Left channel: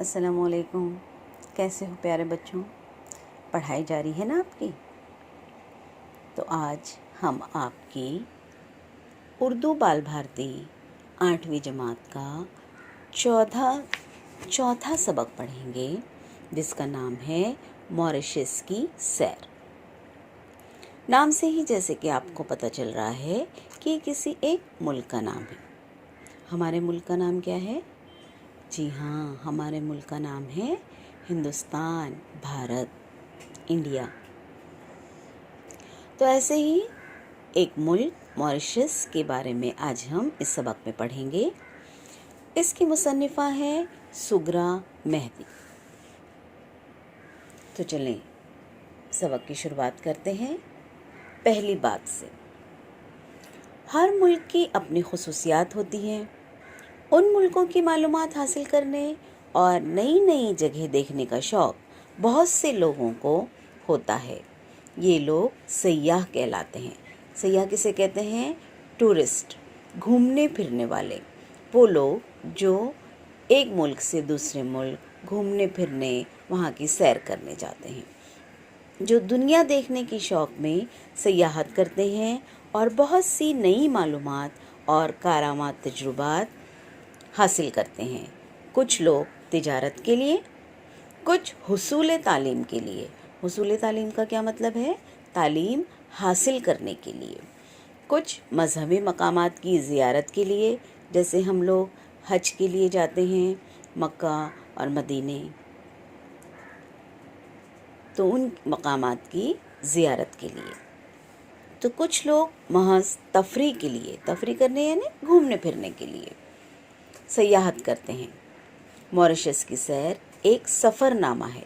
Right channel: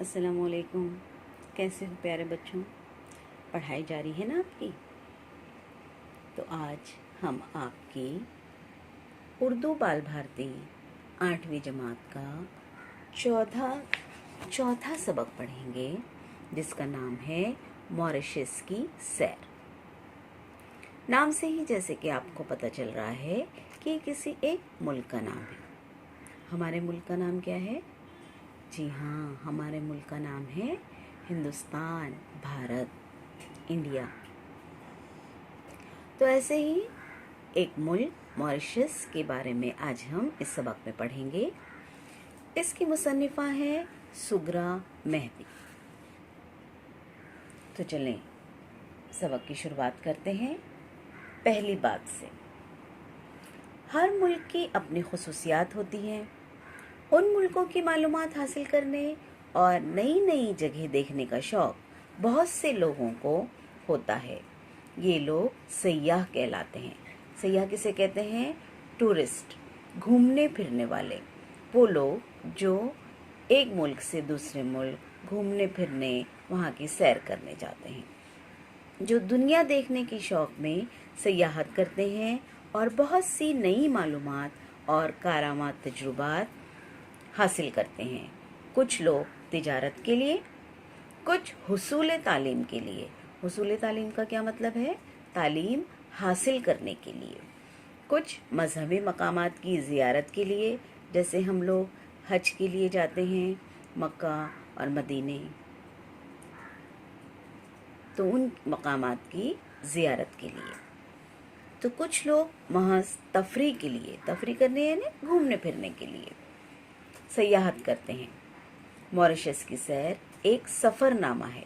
السلام علیکم. کیسے ہو پیارے بچوں؟ پڑھائی جاری ہے نا آپ کی؟ تو آج ہم آپ کی اردو بال بھارتی 8ویں جماعت کا چوتھا سبق پڑھیں گے، جس کا نام ہے موریشس کی سیر. نام سے ہی جیسے کہ آپ کو پتہ چل رہا ہے کہ کسی ایک ملک کا نام ہے. ہمارے ملک کا نام کیا ہے؟ جی ہاں، ہمارے ملک کا نام ہے ہندوستان، بھارت، انڈیا. تو ایسے ہی ایک ملک موریشس کے بارے میں آج ہم اس سبق میں پڑھیں گے. اس کی مصنفہ ہے سغرا مہدی. تو چلیں سبق کی شروعات کرتے ہیں پہلی بات سے. ہر ملک کی اپنی خصوصیات ہوتی ہیں. ان ملکوں کی معلومات حاصل کرنے اور نئی نئی جگہ دیکھنے کا شوق بہت سے لوگوں کو ہوتا ہے. یہ لوگ سیاح کہلاتے ہیں. سیاح کسے کہتے ہیں؟ ٹورسٹ، گھومنے پھرنے والے. وہ لوگ جو ایک ملک سے دوسرے ملک گھومنے پھرنے، وہاں کی سیر کرنے جاتے ہیں، جو دنیا دیکھنے کی شوق میں سیاحت کرتے ہیں اور بہت سی نئی معلومات اور کارآمد تجربات حاصل کرتے ہیں. کچھ لوگ تجارت کے لیے، کچھ حصول تعلیم کے لیے. حصول تعلیم کا کیا مطلب ہے؟ تعلیم حاصل کرنے کے لیے. کچھ مذہبی مقامات کی زیارت کے لیے، جیسے ہم لوگ حج کے لیے جاتے ہیں مکہ اور مدینے، تو ان مقامات کی زیارت کے لیے. تو کچھ لوگ محض تفریح کے لیے، تفریح کرنے یعنی گھومنے پھرنے کے لیے سیاحت کرتے ہیں. موریشس کی سیر ایک سفر نامہ ہے،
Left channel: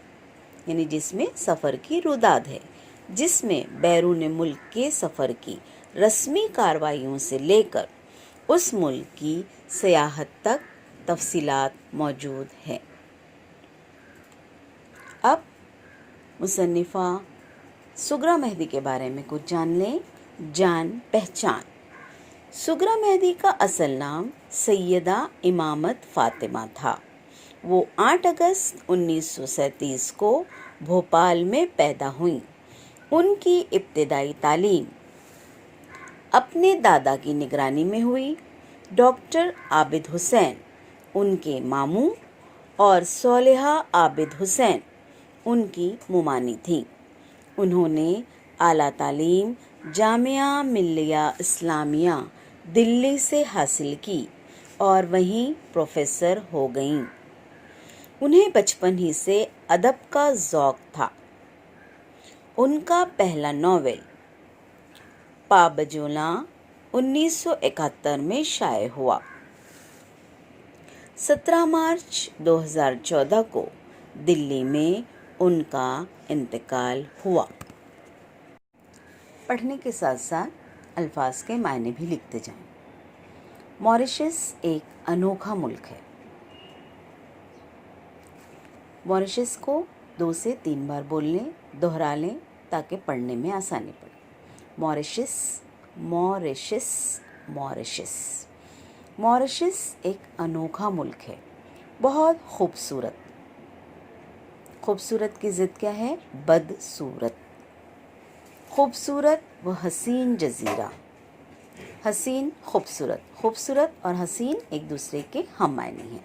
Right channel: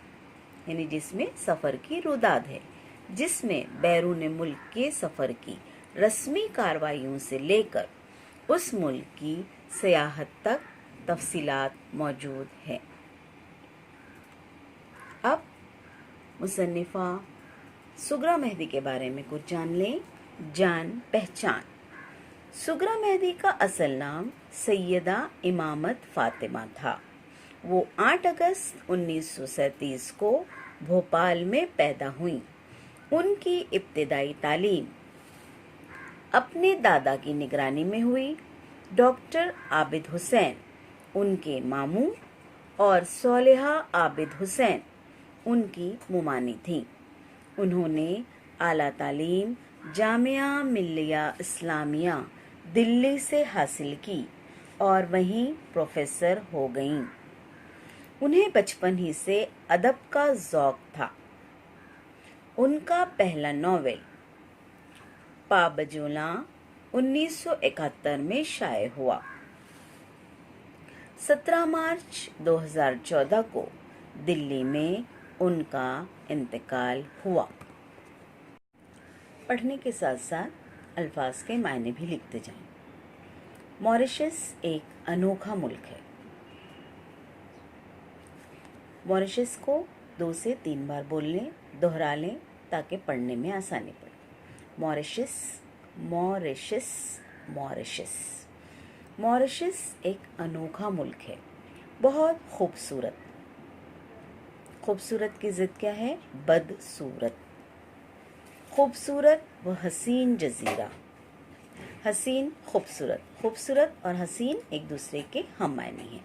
یعنی جس میں سفر کی روداد ہے، جس میں بیرون ملک کے سفر کی رسمی کارروائیوں سے لے کر اس ملک کی سیاحت تک تفصیلات موجود ہیں. اب مصنفہ سغرا مہدی کے بارے میں کچھ جان لیں. جان پہچان. سغرا مہدی کا اصل نام سیدہ امامت فاطمہ تھا. وہ 8 اگست 1937 کو بھوپال میں پیدا ہوئیں. ان کی ابتدائی تعلیم اپنے دادا کی نگرانی میں ہوئی. ڈاکٹر عابد حسین ان کے ماموں اور صالحہ عابد حسین ان کی ممانی تھیں. انہوں نے اعلیٰ تعلیم جامعہ ملیہ اسلامیہ دلی سے حاصل کی اور وہیں پروفیسر ہو گئیں. انہیں بچپن ہی سے ادب کا ذوق تھا. ان کا پہلا ناول پابجولاں 1971 میں شائع ہوا. 17 مارچ 2014 کو دلی میں ان کا انتقال ہوا. پڑھنے کے ساتھ ساتھ الفاظ کے معنی بھی لکھتے جائیں. موریشس ایک انوکھا ملک ہے. موریشس کو 2 سے 3 بار بول لیں، دہرا لیں تاکہ پڑھنے میں آسانی پڑے. Mauritius, Mauritius, Mauritius. موریشس ایک انوکھا ملک ہے، بہت خوبصورت. خوبصورت کی ضد کیا ہے؟ بدصورت. خوبصورت و حسین جزیرہ. حسین، خوبصورت. خوبصورت اور حسین ایک دوسرے کے ہم معنی ہیں.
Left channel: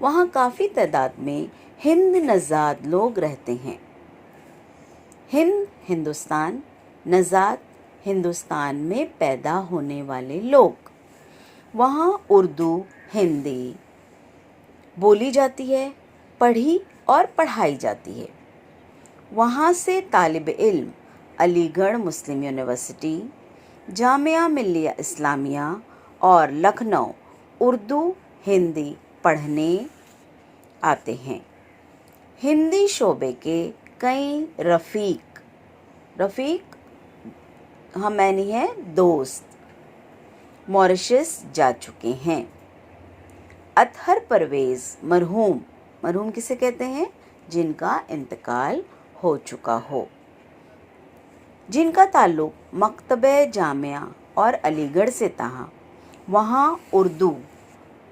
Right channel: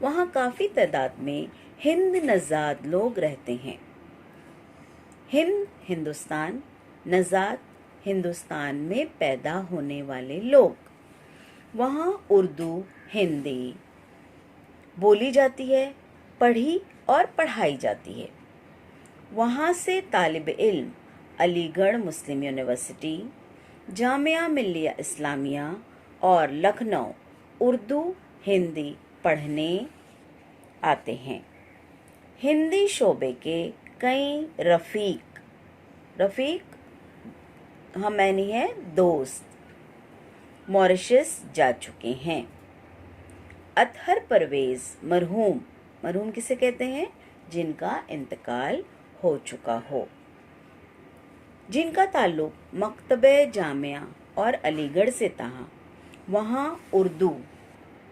وہاں کافی تعداد میں ہند نژاد لوگ رہتے ہیں. ہند ہندوستان، نژاد ہندوستان میں پیدا ہونے والے لوگ. وہاں اردو، ہندی بولی جاتی ہے، پڑھی اور پڑھائی جاتی ہے. وہاں سے طالب علم علی گڑھ مسلم یونیورسٹی، جامعہ ملیہ اسلامیہ اور لکھنؤ اردو ہندی پڑھنے آتے ہیں. ہندی شعبے کے کئی رفیق ہم معنی ہے دوست موریشس جا چکے ہیں. اطہر پرویز مرحوم کسے کہتے ہیں؟ جن کا انتقال ہو چکا ہو، جن کا تعلق مکتبہ جامعہ اور علی گڑھ سے تھا. وہاں اردو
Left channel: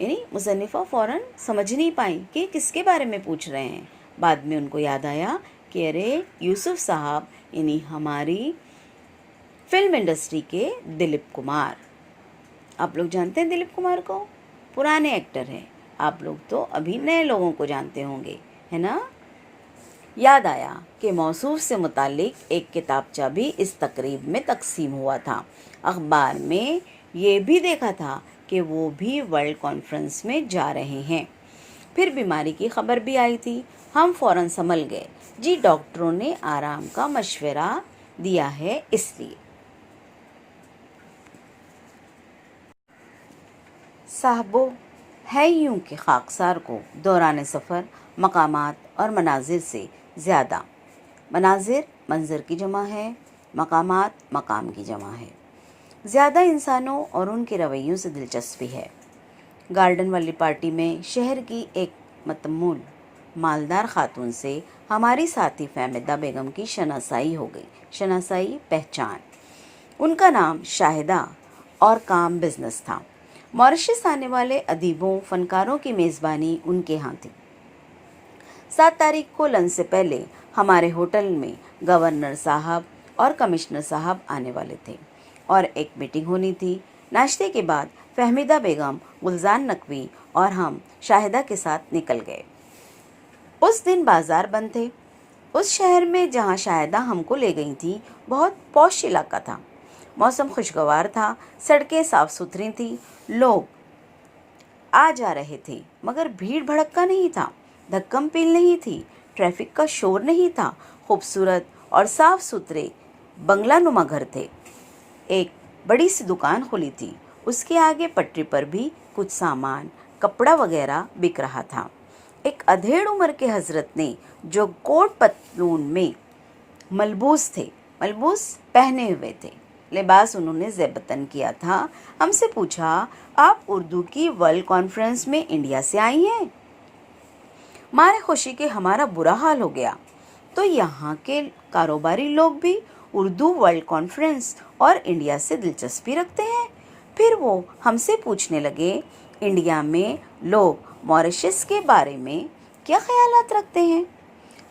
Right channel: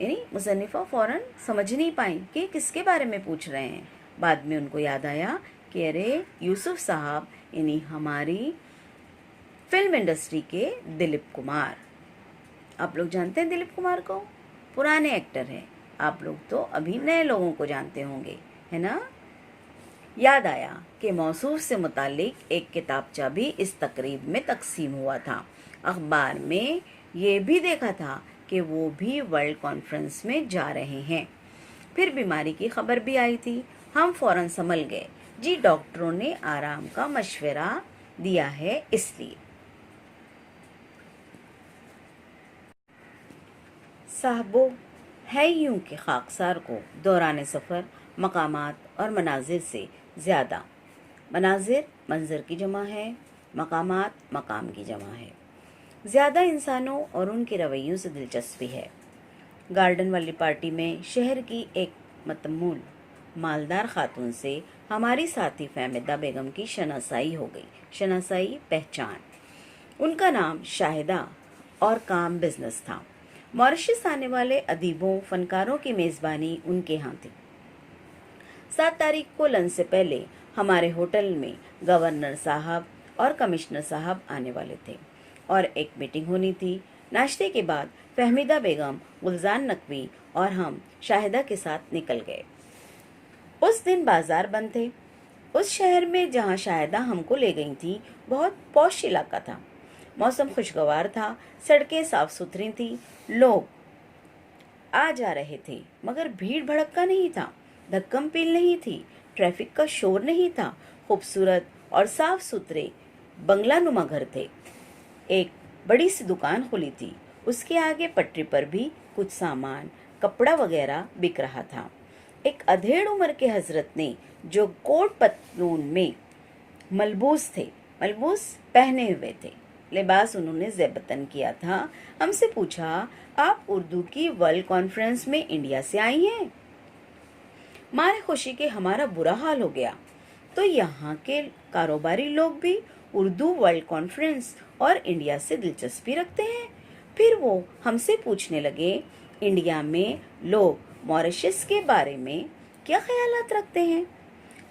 یعنی مصنفہ فوراً سمجھ نہیں پائیں کہ کس کے بارے میں پوچھ رہے ہیں۔ بعد میں ان کو یاد آیا کہ ارے یوسف صاحب، یعنی ہماری فلم انڈسٹری کے دلیپ کمار۔ آپ لوگ جانتے ہیں دلیپ کمار کو؟ پرانے ایکٹر ہیں۔ آپ لوگ تو ابھی نئے لوگوں کو جانتے ہوں گے، ہے نا؟ یاد آیا کہ موصوف سے متعلق ایک کتابچہ بھی اس تقریب میں تقسیم ہوا تھا۔ اخبار میں یہ بھی دیکھا تھا کہ وہ بھی ورلڈ کانفرنس میں جا رہے ہیں۔ پھر بیماری کی خبر بھی آئی تھی۔ ہم فوراً سنبھل گئے، جی ڈاکٹروں نے آرام کا مشورہ دیا ہے اس لیے۔ صاحبو، ہے یوں کہ خاکسار کو دوران سفر مقامات اور مناظر سے زیادہ، مناظر منظر کی جمع ہے، مقامات مقام کی جمع ہے، زیادہ انسانوں اور ان کے رویوں سے دلچسپی ہے۔ گارڈن والی پارٹی میں شہر کی ایک متمول مالدار خاتون سے ہماری ساتھی فہمیدہ بیگم کی شناسائی ہو گئی۔ شناسائی، پہچان۔ ان کا نام شاہدہ اور کام بزنس تھا۔ ماریشس آنے والے ادیبوں، فنکاروں کی میزبانی ان کے ہاں تھی۔ 7 تاریخ کو لنچ سے پہلے ہمارے ہوٹل میں گورنر صاحب اور کمشنر صاحب آنے والے تھے اور ایک میٹنگ ہونی تھی۔ ناشتے کے بعد فہمیدہ بیگم، گلزار نقوی اور ہم شاہدہ کے ساتھ نکل گئے۔ اس دن بازار بند تھے۔ اس شہر میں جہاں شاہدہ ہم کو لے گئی تھی بہت پوش علاقہ تھا۔ موسم خوشگوار تھا، سڑکیں صاف ستھری تھیں، لوگ آ جا رہے تھے، مگر بھیڑ بھڑکا نہیں تھا، دھکم پیل نہیں تھی، ٹریفک کا شور نہیں تھا۔ خوبصورت اور صاف ستھرے بنگلہ نما گھر تھے۔ ایک بڑی سی دکان کھلی تھی، اس کے آگے پٹری پر بھی کچھ سامان، کپڑا وغیرہ بک رہا تھا۔ ایک ادھیڑ عمر کے حضرت نے جو کوٹ پتلون میں ملبوس تھے، ملبوس پہنے ہوئے تھے، لباس انہوں نے زیبتن کیا تھا، ہم سے پوچھا، آپ اردو کی ورلڈ کانفرنس میں انڈیا سے آئی ہیں؟ مارے خوشی کے ہمارا برا حال ہو گیا۔ تو یہاں کے کاروباری لوگ بھی اردو ورلڈ کانفرنس اور انڈیا سے دلچسپی رکھتے ہیں؟ پھر وہ ہم سے پوچھنے لگے، انڈیا میں لوگ ماریشس کے بارے میں کیا خیالات رکھتے ہیں؟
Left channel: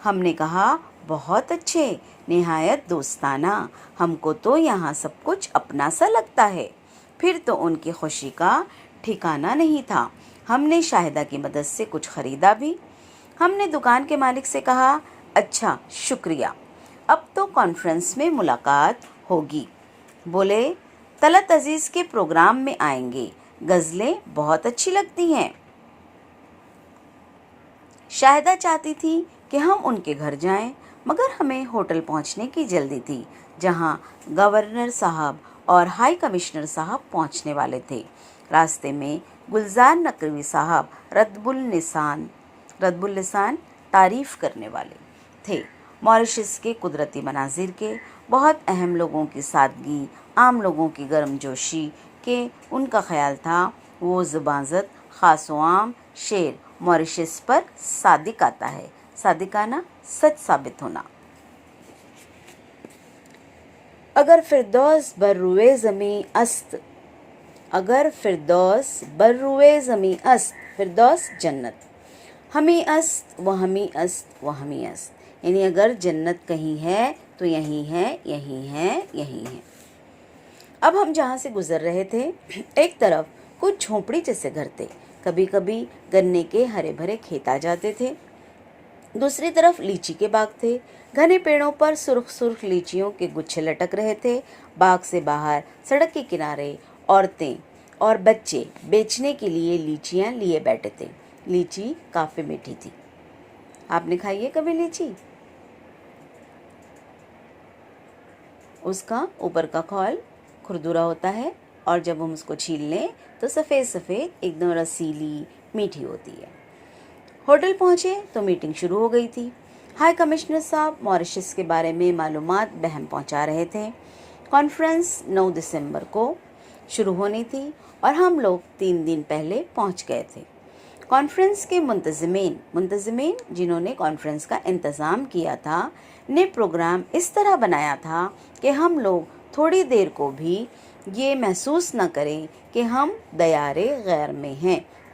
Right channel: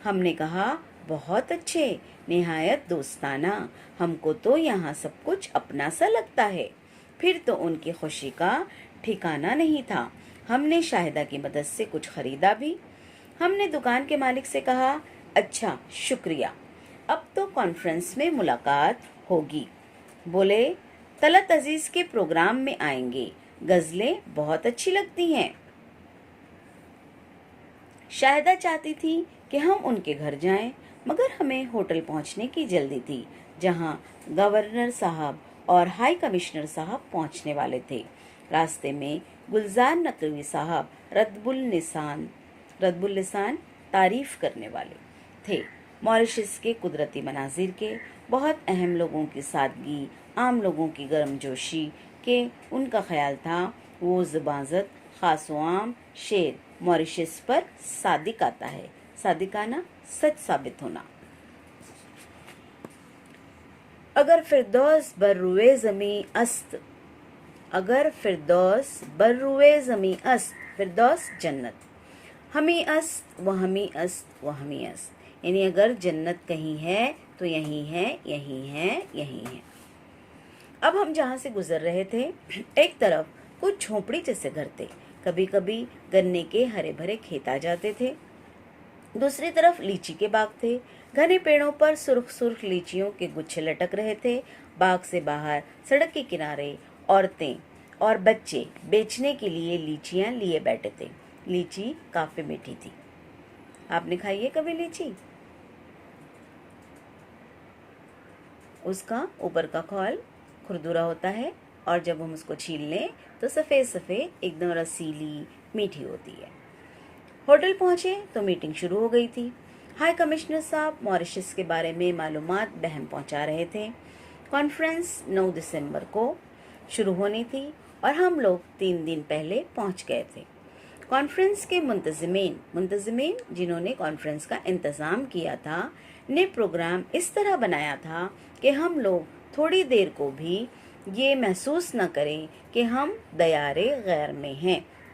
ہم نے کہا، بہت اچھے، نہایت دوستانہ، ہم کو تو یہاں سب کچھ اپنا سا لگتا ہے۔ پھر تو ان کی خوشی کا ٹھکانہ نہیں تھا۔ ہم نے شاہدہ کی مدد سے کچھ خریدا بھی۔ ہم نے دکان کے مالک سے کہا، اچھا شکریہ، اب تو کانفرنس میں ملاقات ہوگی۔ بولے، طلعت عزیز کے پروگرام میں آئیں گے، غزلیں بہت اچھی لگتی ہیں۔ شاہدہ چاہتی تھی کہ ہم ان کے گھر جائیں، مگر ہمیں ہوٹل پہنچنے کی جلدی تھی جہاں گورنر صاحب اور ہائی کمشنر صاحب پہنچنے والے تھے۔ راستے میں گلزار نقوی صاحب رطب اللسان تعریف کرنے والے تھے، ماریشس کے قدرتی مناظر کے، بہت اہم لوگوں کی سادگی، عام لوگوں کی گرم جوشی کے۔ ان کا خیال تھا وہ زباں زد خاص و عام شعر ماریشس پر صادق آتا ہے، صادقانہ، سچ ثابت ہونا۔ اگر فردوس بر روئے زمیں است، اگر فردوس بر روئے زمیں است، فردوس جنت، ہمیں است وہ ہمیں است وہ ہمیں است، یعنی اگر جنت کہیں ہے تو یہیں ہے، یہیں ہے، یہیں ہے۔ اب ہم جہاں سے گزر رہے تھے، ایک طرف کچھ جھونپڑی جیسے گھر تھے، کبھی کبھی گنے کے ہرے بھرے کھیت آ جاتے تھے، دوسری طرف لیچی کے باغ تھے، گھنے پیڑوں پر سرخ سرخ لیچیوں کے گچھے لٹک رہے تھے۔ باغ سے باہر سڑک کے کنارے عورتیں اور بچے بیچنے کے لیے لیچیاں لیے بیٹھے تھے۔ لیچی کافی میٹھی تھی۔ آپ نے کھائی ہے کبھی لیچی؟ اس کا اوپر کا کھول کھردرا ہوتا ہے اور جب ہم اس کو چھیل لیں تو سفید سفید ایک دم رسیلی میٹھی ہوتی ہے۔ ہوٹل پہنچے تو میٹنگ شروع ہو گئی تھی۔ ہائی کمشنر صاحب ماریشس کے بارے میں معلومات بہم پہنچا رہے تھے۔ کانفرنس 9 دسمبر کو شروع ہونی تھی اور ہم لوگ 3 دن پہلے پہنچ گئے تھے۔ کانفرنس کے منتظمین جنہوں نے کانفرنس کا انتظام کیا تھا نے پروگرام اس طرح بنایا تھا کہ ہم لوگ تھوڑی دیر کو بھی یہ محسوس نہ کریں کہ ہم دیار غیر میں ہیں۔